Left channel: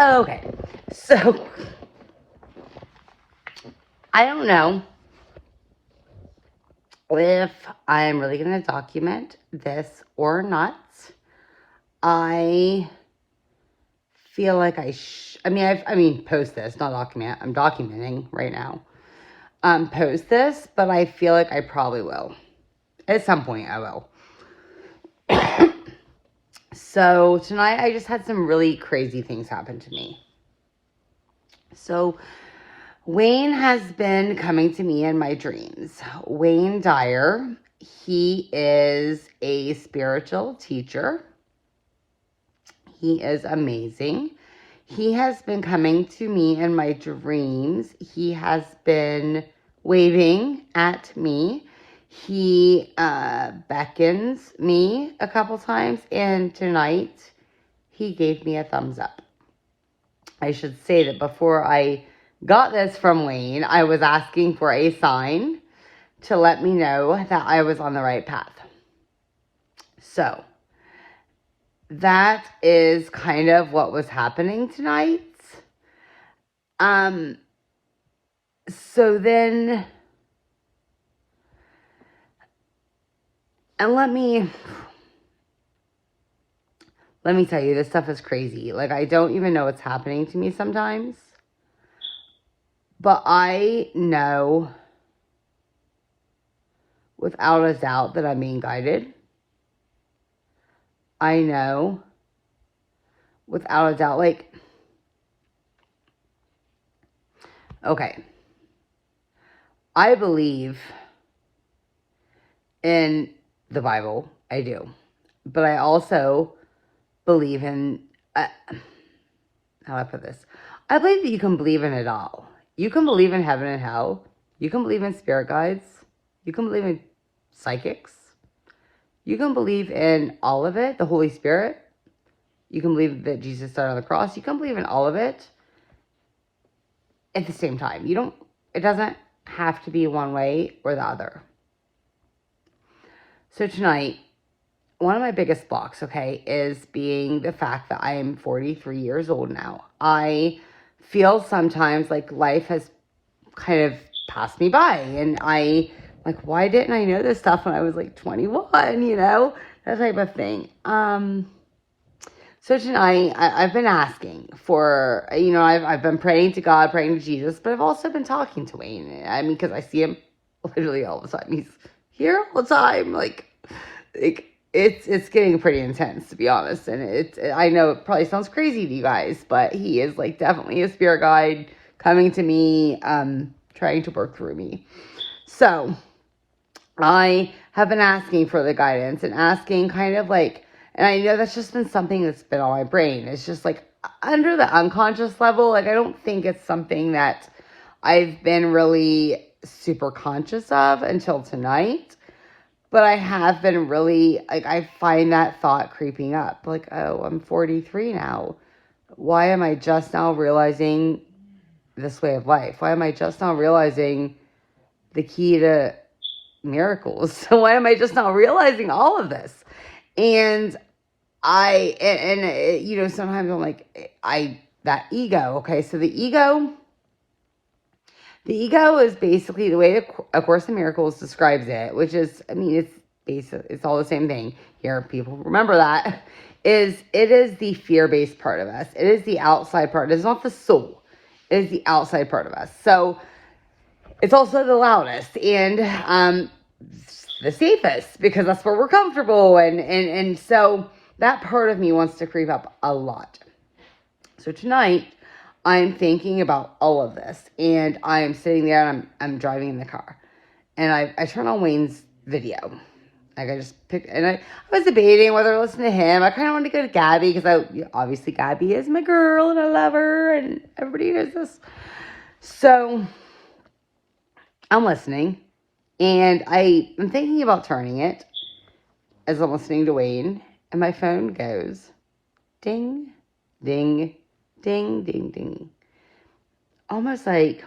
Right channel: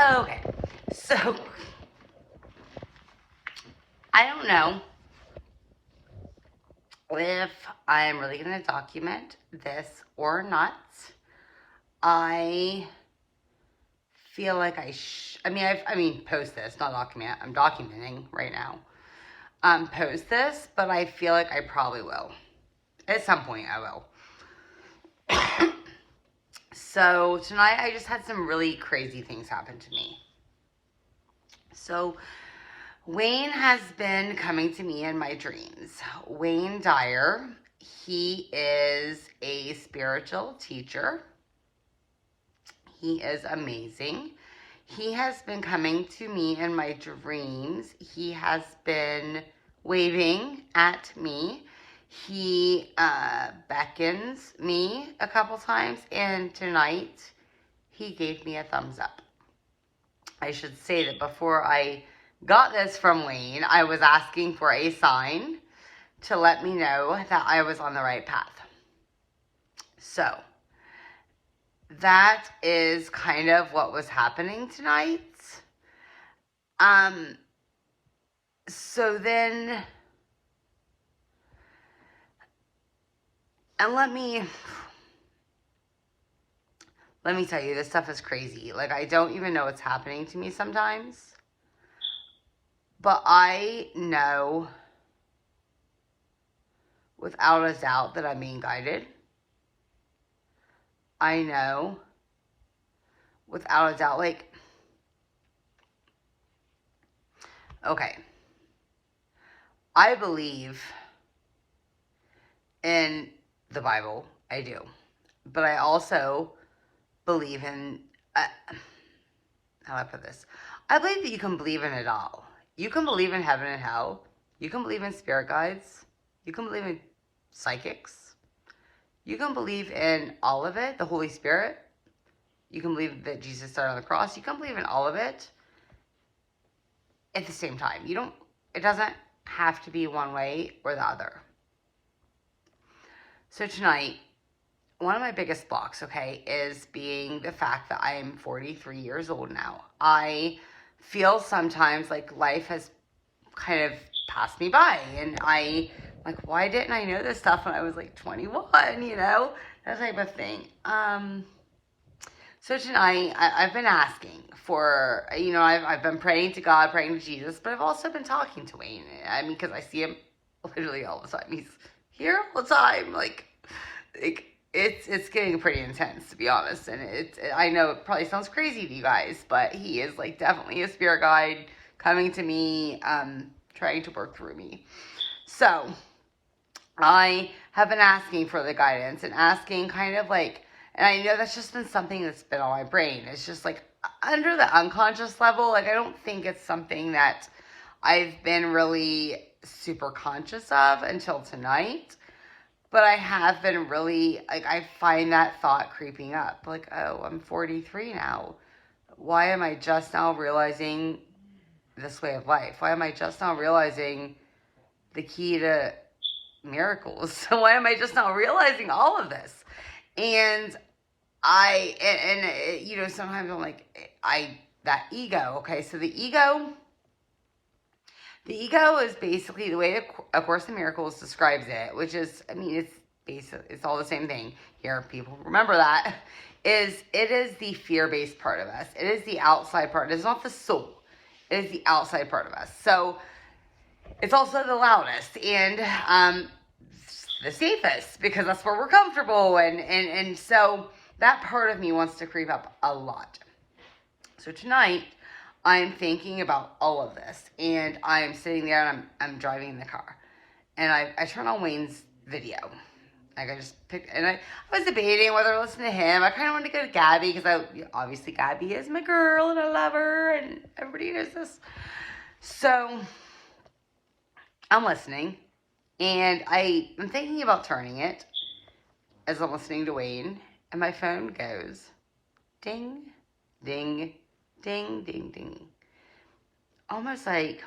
Okay, so I don't know if I'm really going to document this or not. I feel like I mean, post this, not document. I'm documenting right now. Post this, but I feel like I probably will. At some point, I will. So tonight, I just had some really crazy things happen to me. So Wayne has been coming to me in my dreams. Wayne Dyer, he is a spiritual teacher. He is amazing. He has been coming to me in my dreams. He has been waving at me. He beckons me a couple times, and tonight he gave me a thumbs up. I should say that before I got this from Wayne, I was asking for a sign to let me know that I was on the right path. So that is kind of what was happening tonight. So then, and let me tell you, this stuff is crazy. Like, I don't even know what's happening to me sometimes. But I know without a doubt that I'm being guided. I know without a doubt, like, okay, I believe in the Bible. I do. But I also believe in, how do I put this? I believe that you can believe in it all. You can believe in heaven and hell. You can believe in spirit guides. You can believe in psychics. You can believe in all of it, the Holy Spirit. You can believe that Jesus died on the cross. You can believe in all of it at the same time. It doesn't have to be one way or the other. So tonight, one of my biggest blocks, okay, is being the fact that I am 43 years old now. I feel sometimes like life has kind of passed me by, and why didn't I know this stuff when I was like 21, that type of thing. So tonight, I've been asking for, I've been praying to God, praying to Jesus, but I've also been talking to Wayne. I mean, because I see him literally all the time. He's here all the time. Like it's getting pretty intense, to be honest. And I know it probably sounds crazy to you guys, but he is like definitely a spirit guide coming to me, trying to work through me. So I have been asking for the guidance and asking kind of like, and I know that's just been something that's been on my brain. It's just like under the unconscious level. Like, I don't think it's something that I've been really super conscious of until tonight. But I have been really, like, I find that thought creeping up. Like, oh, I'm 43 now. Why am I just now realizing this way of life? Why am I just now realizing the key to miracles? So why am I just now realizing all of this? And sometimes I'm like, that ego, okay? So the ego is basically the way A Course in Miracles describes it, which is, I mean, it's all the same thing. Here, people remember that. It is the fear-based part of us. It is the outside part. It's not the soul. It is the outside part of us. So it's also the loudest and the safest, because that's where we're comfortable. And so that part of me wants to creep up a lot. So tonight, I'm thinking about all of this, and I am sitting there and I'm driving in the car, and I turn on Wayne's video. Like, I just picked, and I was debating whether to listen to him. I kind of wanted to go to Gabby, because obviously Gabby is my girl and I love her and everybody knows this. So I'm listening, and I'm thinking about turning it as I'm listening to Wayne, and my phone goes ding, ding, ding, ding, ding. Almost like,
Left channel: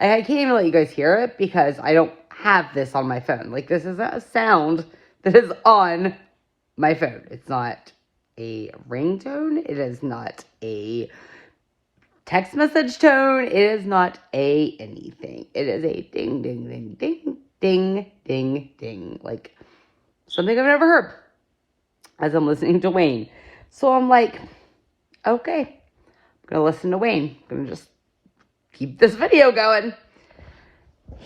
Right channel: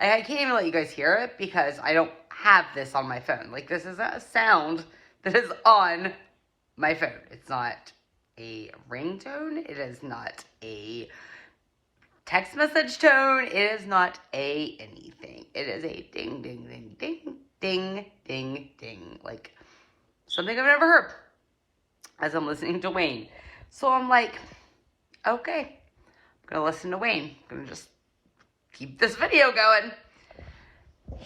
I can't even let you guys hear it because I don't have this on my phone. Like, this is a sound that is on my phone. It's not a ringtone. It is not a text message tone. It is not a anything. It is a ding, ding, ding, ding, ding, ding, ding. Like something I've never heard as I'm listening to Wayne. So I'm like, okay, I'm going to listen to Wayne. I'm going to just keep this video going.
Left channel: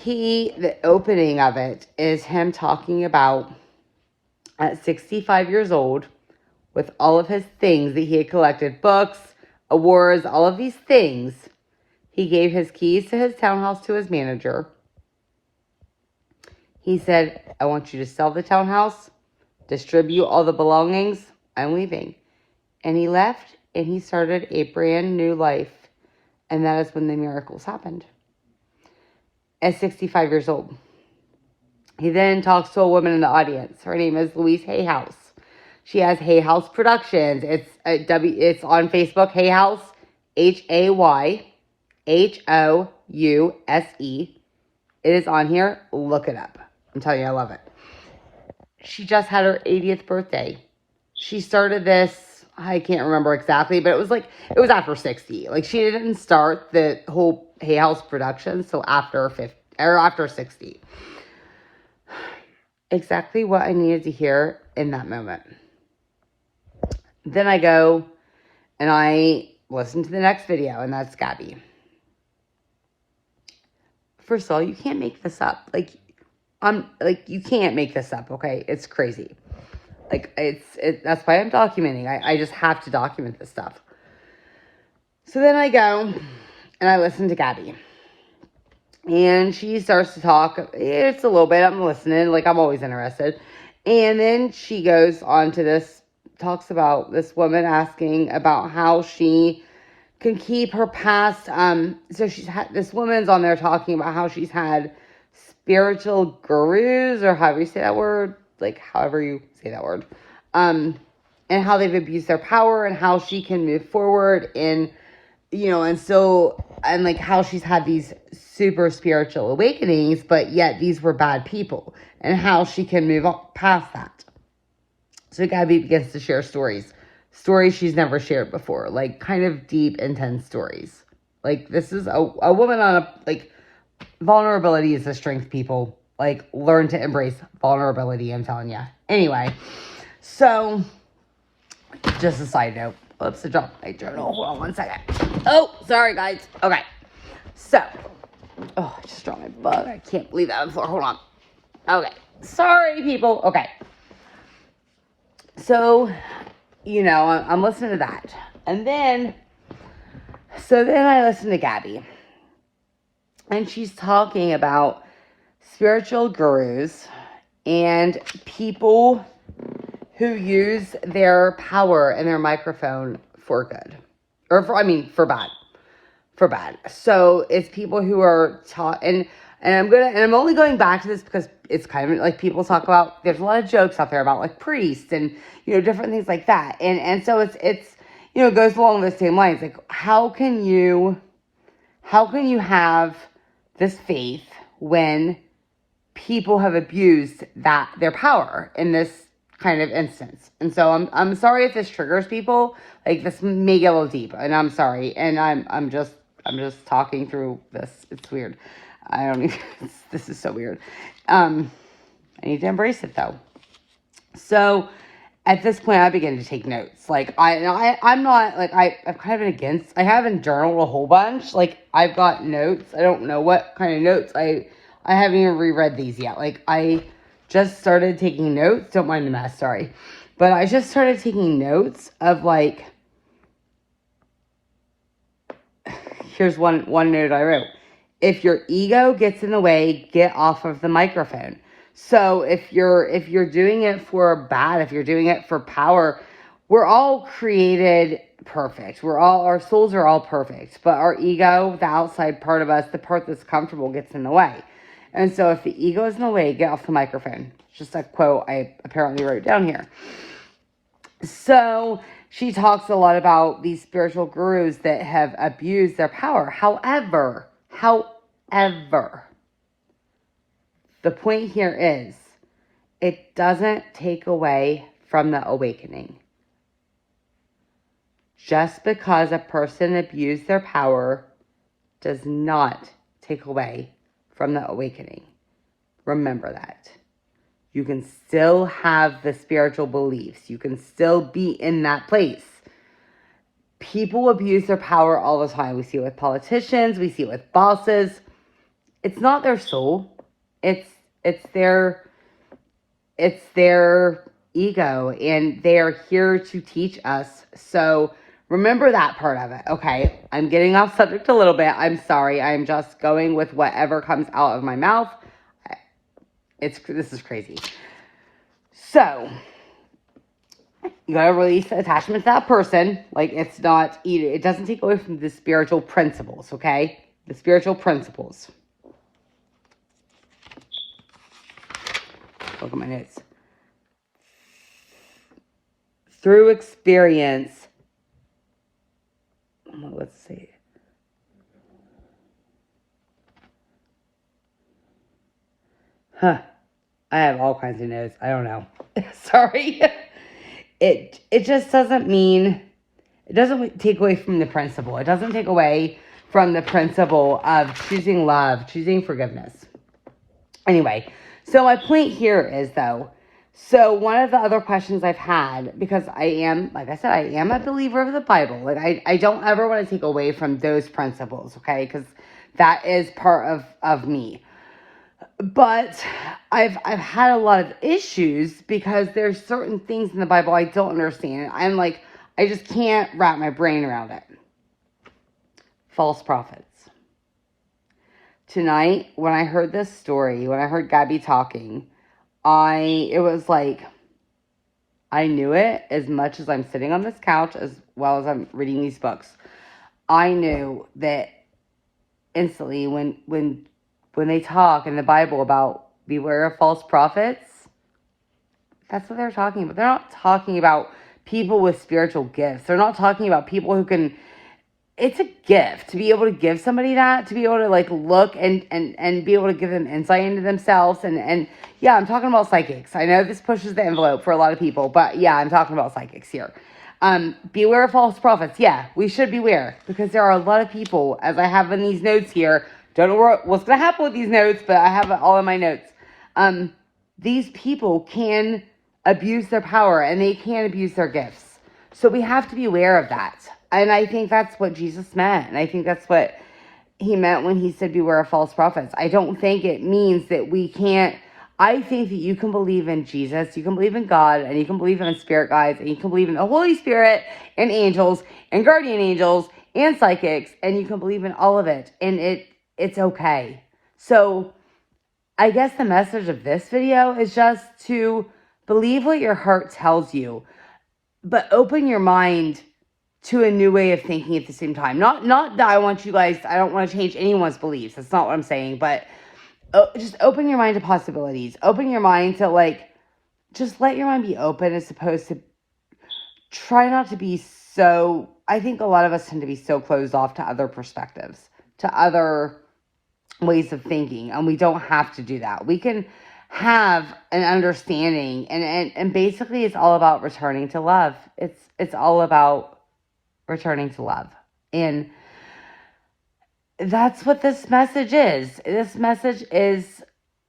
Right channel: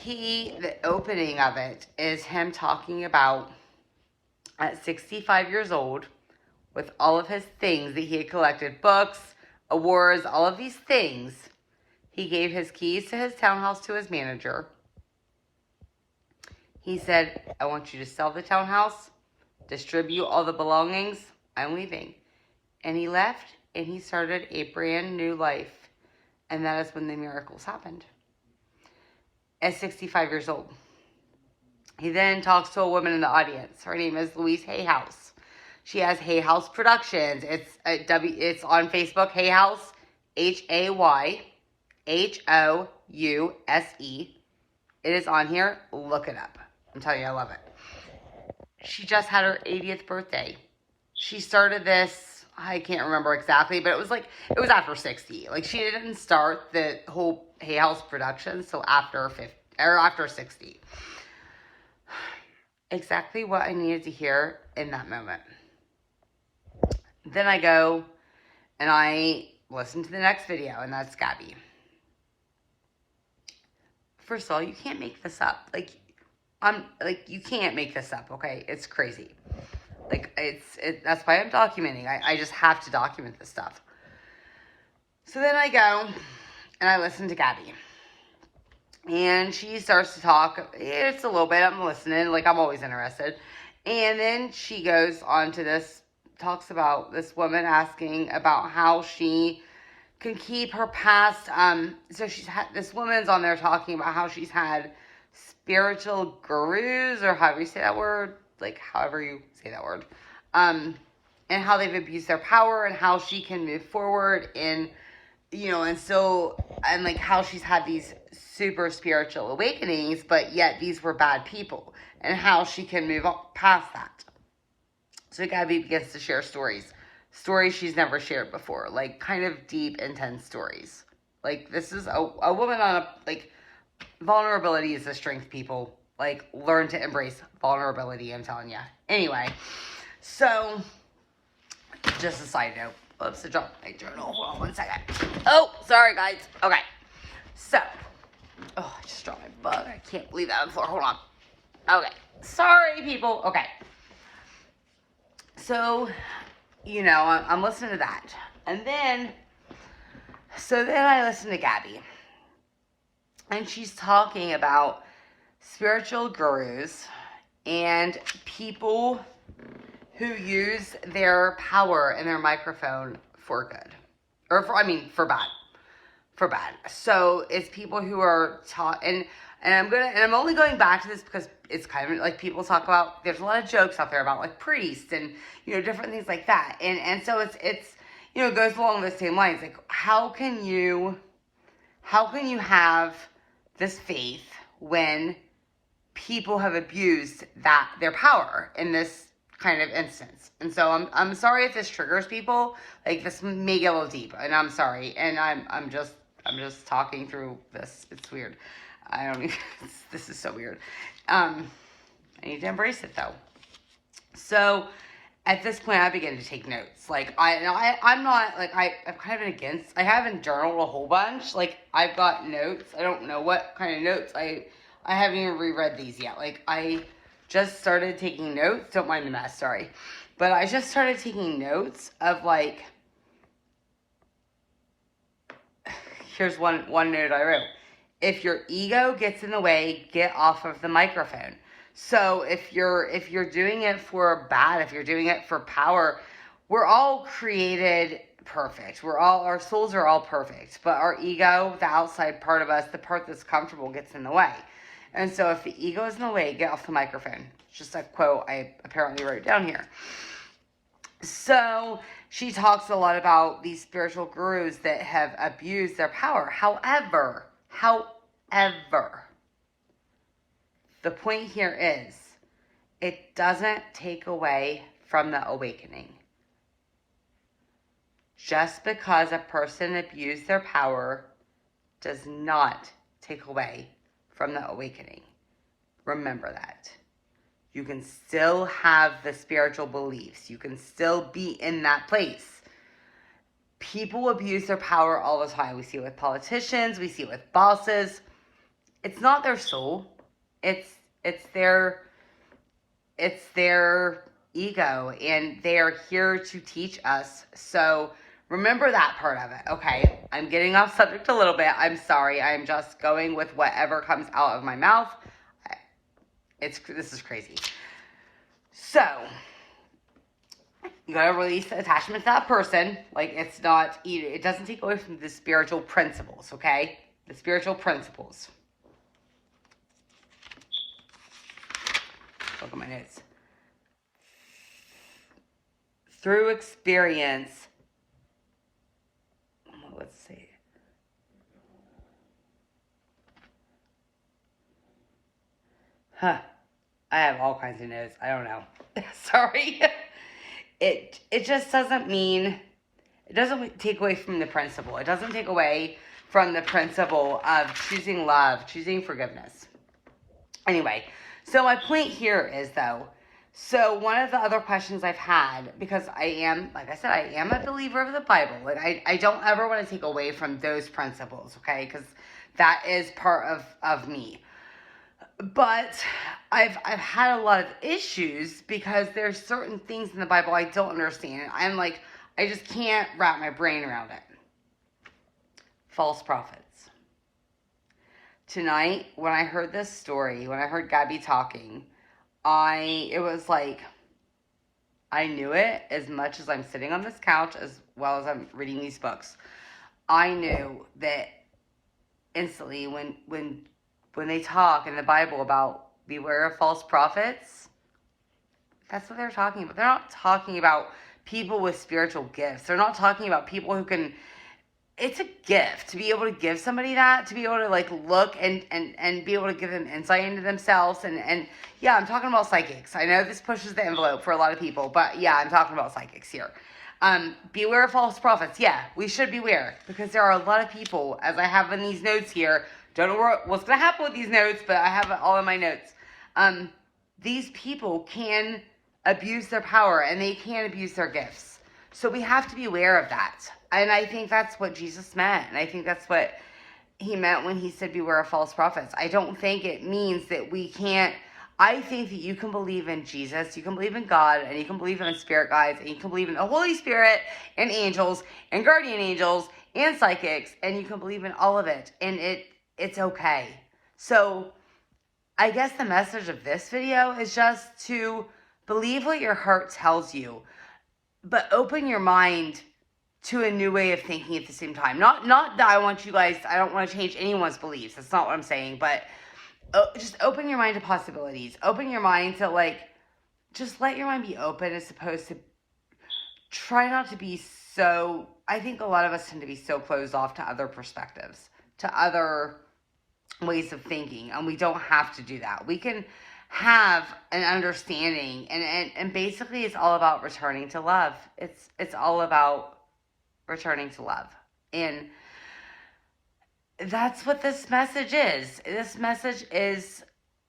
The opening of it is him talking about at 65 years old, with all of his things that he had collected, books, awards, all of these things, he gave his keys to his townhouse to his manager. He said, I want you to sell the townhouse, distribute all the belongings, I'm leaving. And he left, and he started a brand new life. And that is when the miracles happened. At 65 years old. He then talks to a woman in the audience. Her name is Louise Hayhouse. She has Hayhouse Productions. It's on Facebook, Hayhouse, Hayhouse. It is on here. Look it up. I'm telling you, I love it. She just had her 80th birthday. She started this, I can't remember exactly, but it was after 60. Like, she didn't start the whole Hayhouse Productions till after 60. Exactly what I needed to hear in that moment. Then I go and I listen to the next video, and that's Gabby. First of all, you can't make this up. You can't make this up, okay? It's crazy. That's why I'm documenting. I just have to document this stuff. So then I go and I listen to Gabby. And she starts to talk. It's a little bit. I'm listening. Like, I'm always interested. And then she goes on to this, talks about this woman asking about how she can keep her past. So this woman's on there talking about how she's had spiritual gurus, or however you say that word. Like, however you say that word. And how they've abused their power, and how she can move forward and like how she's had these super spiritual awakenings, but yet these were bad people, and how she can move past that. So Gabby begins to share stories she's never shared before, like kind of deep, intense stories. Like, this is a woman on vulnerability is a strength, people. Like, learn to embrace vulnerability, I'm telling you. Anyway, so just a side note. Oops, I dropped my journal. Hold on one second. Oh, sorry, guys. Okay. So, just dropped my bug. I can't leave that on the floor. Hold on. Okay. Sorry, people. Okay. So, I'm listening to that. And then I listen to Gabby. And she's talking about spiritual gurus and people who use their power and their microphone for good. For bad. For bad. So it's people who are taught, and I'm only going back to this because it's kind of like people talk about, there's a lot of jokes out there about like priests and, different things like that. And so it's, it goes along the same lines. Like, how can you have this faith when people have abused their power in this kind of instance? And so I'm sorry if this triggers people. Like, this may get a little deep, and I'm sorry. And I'm just talking through this. It's weird. This is so weird. I need to embrace it though. So at this point, I begin to take notes. Like, I'm not, like, I'm kind of against, I haven't journaled a whole bunch. Like, I've got notes. I don't know what kind of notes. I haven't even reread these yet. Like, I just started taking notes. Don't mind the mess, sorry. But I just started taking notes of, like, here's one note I wrote. If your ego gets in the way, get off of the microphone. So if you're doing it for bad, if you're doing it for power, we're all created perfect. Our souls are all perfect, but our ego, the outside part of us, the part that's comfortable, gets in the way. And so if the ego is in the way, get off the microphone. Just a quote I apparently wrote down here. So she talks a lot about these spiritual gurus that have abused their power. However, the point here is, it doesn't take away from the awakening. Just because a person abused their power does not take away from the awakening. Remember that. You can still have the spiritual beliefs. You can still be in that place. People abuse their power all the time. We see it with politicians. We see it with bosses. It's not their soul. It's their ego, and they are here to teach us. So remember that part of it. Okay, I'm getting off subject a little bit. I'm sorry. I'm just going with whatever comes out of my mouth. This is crazy. So you gotta release the attachment to that person. Like, it doesn't take away from the spiritual principles, okay? The spiritual principles. Look at my notes. Through experience. Let's see. I have all kinds of notes. I don't know. Sorry. It just doesn't mean, it doesn't take away from the principle. It doesn't take away from the principle of choosing love, choosing forgiveness. Anyway, so my point here is, though, so one of the other questions I've had, because I am, like I said, I am a believer of the Bible. Like, I don't ever want to take away from those principles, okay? Because that is part of me. But I've had a lot of issues because there's certain things in the Bible I don't understand. I'm like, I just can't wrap my brain around it. False prophets. Tonight, when I heard this story, when I heard Gabby talking, it was like, I knew it as much as I'm sitting on this couch, as well as I'm reading these books. I knew that instantly when they talk in the Bible about beware of false prophets, that's what they're talking about. They're not talking about people with spiritual gifts. They're not talking about people who can, it's a gift to be able to give somebody that, to be able to like look and be able to give them insight into themselves. And yeah, I'm talking about psychics. I know this pushes the envelope for a lot of people, but yeah, I'm talking about psychics here. Beware of false prophets. Yeah, we should beware, because there are a lot of people, as I have in these notes here. Don't know what's going to happen with these notes, but I have it all in my notes. These people can abuse their power, and they can abuse their gifts. So we have to be aware of that. And I think that's what Jesus meant. And I think that's what he meant when he said beware of false prophets. I don't think it means that we can't. I think that you can believe in Jesus, you can believe in God, and you can believe in spirit guides, and you can believe in the Holy Spirit, and angels, and guardian angels, and psychics, and you can believe in all of it. And it's okay. So I guess the message of this video is just to believe what your heart tells you, but open your mind to a new way of thinking at the same time. Not that I don't want to change anyone's beliefs. That's not what I'm saying, but just open your mind to possibilities. Open your mind to, like, just let your mind be open, as opposed to try not to be so, I think a lot of us tend to be so closed off to other perspectives, to other ways of thinking, and we don't have to do that. We can have an understanding, and basically it's all about returning to love. It's all about returning to love. And that's what this message is. This message is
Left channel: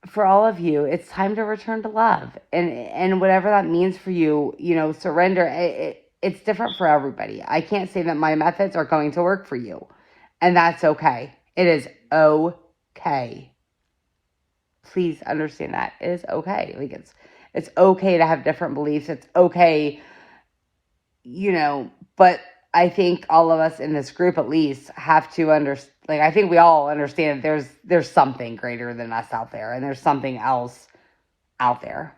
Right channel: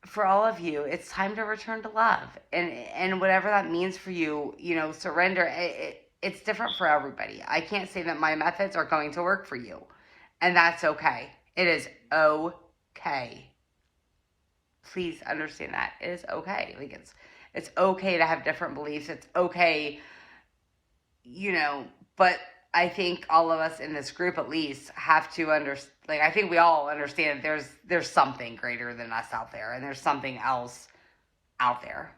for all of you. It's time to return to love, and whatever that means for you, surrender. It's different for everybody. I can't say that my methods are going to work for you, and that's okay. It is okay. Please understand that. It is okay. Like, it's okay to have different beliefs. It's okay, but I think all of us in this group at least have to understand. Like, I think we all understand there's something greater than us out there, and there's something else out there,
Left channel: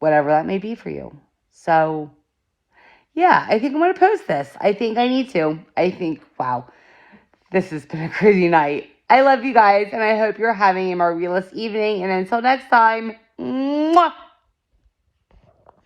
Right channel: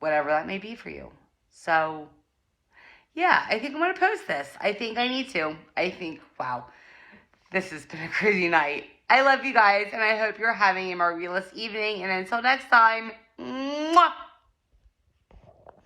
whatever that may be for you. So yeah, I think I'm going to post this. I think I need to. Wow, this has been a crazy night. I love you guys, and I hope you're having a marvelous evening. And until next time, mwah!